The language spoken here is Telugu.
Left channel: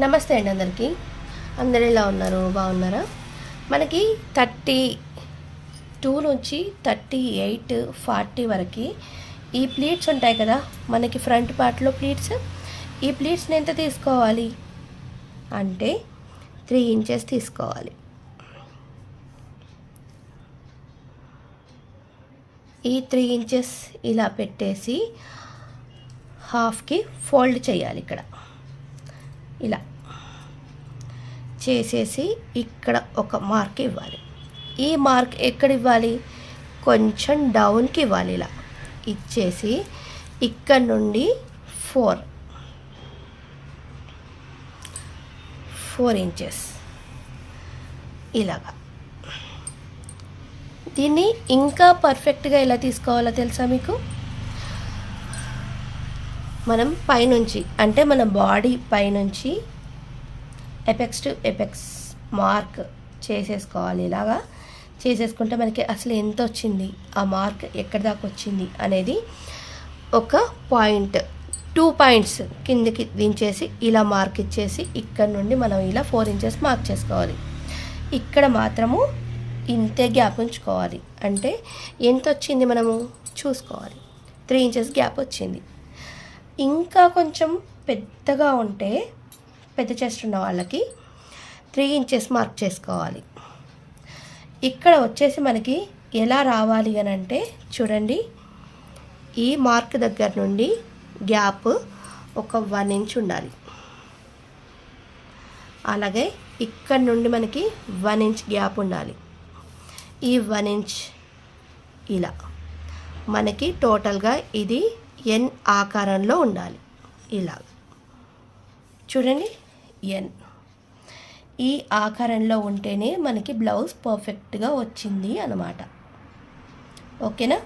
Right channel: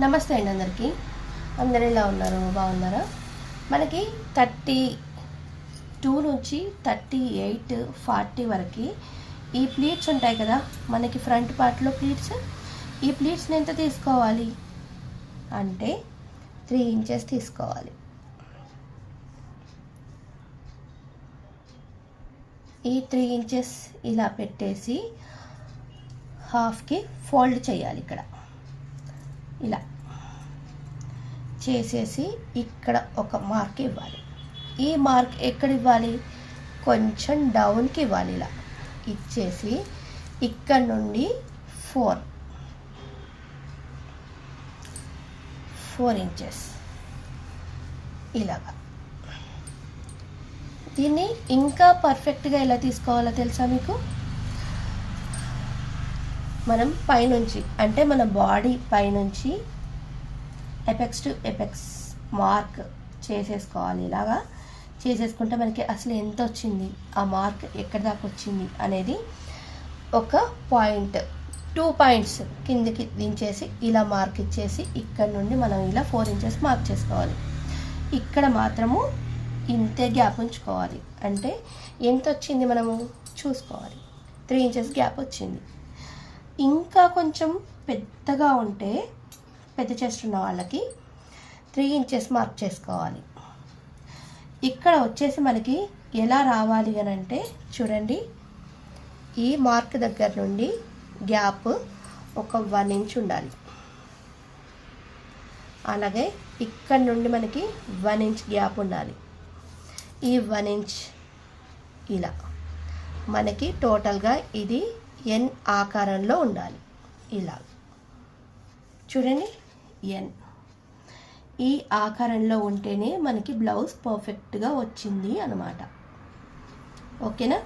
నమస్తే అండి అందరికీ. అందరు ఎలా ఉన్నారు? బాగున్నారా? మనకి 32 నుంచి 38, 40 వరకు ఈ ప్లీట్స్ ఉంటాయి కదా, మనకి ఫ్రంట్ పార్ట్లో ప్లీట్స్. ఈ ప్లీట్స్ని ఎంత తీసుకోవాలి అంటే 3 ఇంచెస్ తీసుకోవాలి. ఈ 3 ఇంచెస్ ఇలా పెట్టేసి హాఫ్కి ఫోల్డ్ చేయాలి. ఇక్కడ ఇలా చేసేసి ఇక్కడ ఒక మార్క్ ఇవ్వాలి. ఈ మార్క్ ఎక్కడ ఇవ్వాలి? కొంచెం డౌన్కి ఇవ్వాలి. ఇలా ఇచ్చేసి ఇక్కడ నుండి 4 ఇంచెస్ ఇలాగా. దీన్ని ఇంకా పర్ఫెక్ట్గా ఎలా తీసుకోవాలో తెలుసా మీకు? మనం పైనుంచి అంటే మన బాడీ పైనుంచి ఎపెక్స్ టు ఎపెక్స్ మార్క్ చేసేసుకోవాలి. ఇలాగా చేసేసుకుంటే మనకి అసలు ఎంత వచ్చింది, ఆ మార్క్ ఎక్కడి దాకా వచ్చింది అనేది ఒక పాయింట్ 2 పాయింట్స్ కిందకి దించేసి ఇలా మార్క్ ఇచ్చేసి ఇక్కడ నుండి మనం ఇలా 4 ఇంచెస్ మార్క్ చేసుకోవాలి. ఇక్కడ మాత్రము ఇంతే గ్యాప్ ఉంచుకోవాలి. అంటే ఎంత వచ్చింది మనము చూసుకోవాలి. 3 ఇంచెస్ గ్యాప్ వచ్చింది. ఇంకా కొంచెం పెద్దగా ఉంటే, పెద్ద చెస్ట్ ఉన్న వాళ్ళకి 3 ఇంచెస్ మార్క్ చేసుకోవాలి. ఇక్కడ వచ్చేసి మనకి ఎలా రావాలి అని అంటే చూడండి, ఈ మార్క్ దగ్గర నుండి గ్యాప్ ఒక 1 ఇంచ్ ఉండాలి. అలాగే ఇక్కడ నుండి మనకి 1 ఇంచ్ గ్యాప్ ఉండాలి. ఈ 1 ఇంచ్ ఇలా మనకి టోటల్గా ఇది ఎన్ ఆకారంలో ఉండాలి. ఇలా చూడండి, ఎన్ ఈ ఆకారంలో ఉంటేనే మనకి బ్లౌజ్ పర్ఫెక్ట్గా వచ్చింది అన్నమాట. ఓకేనా?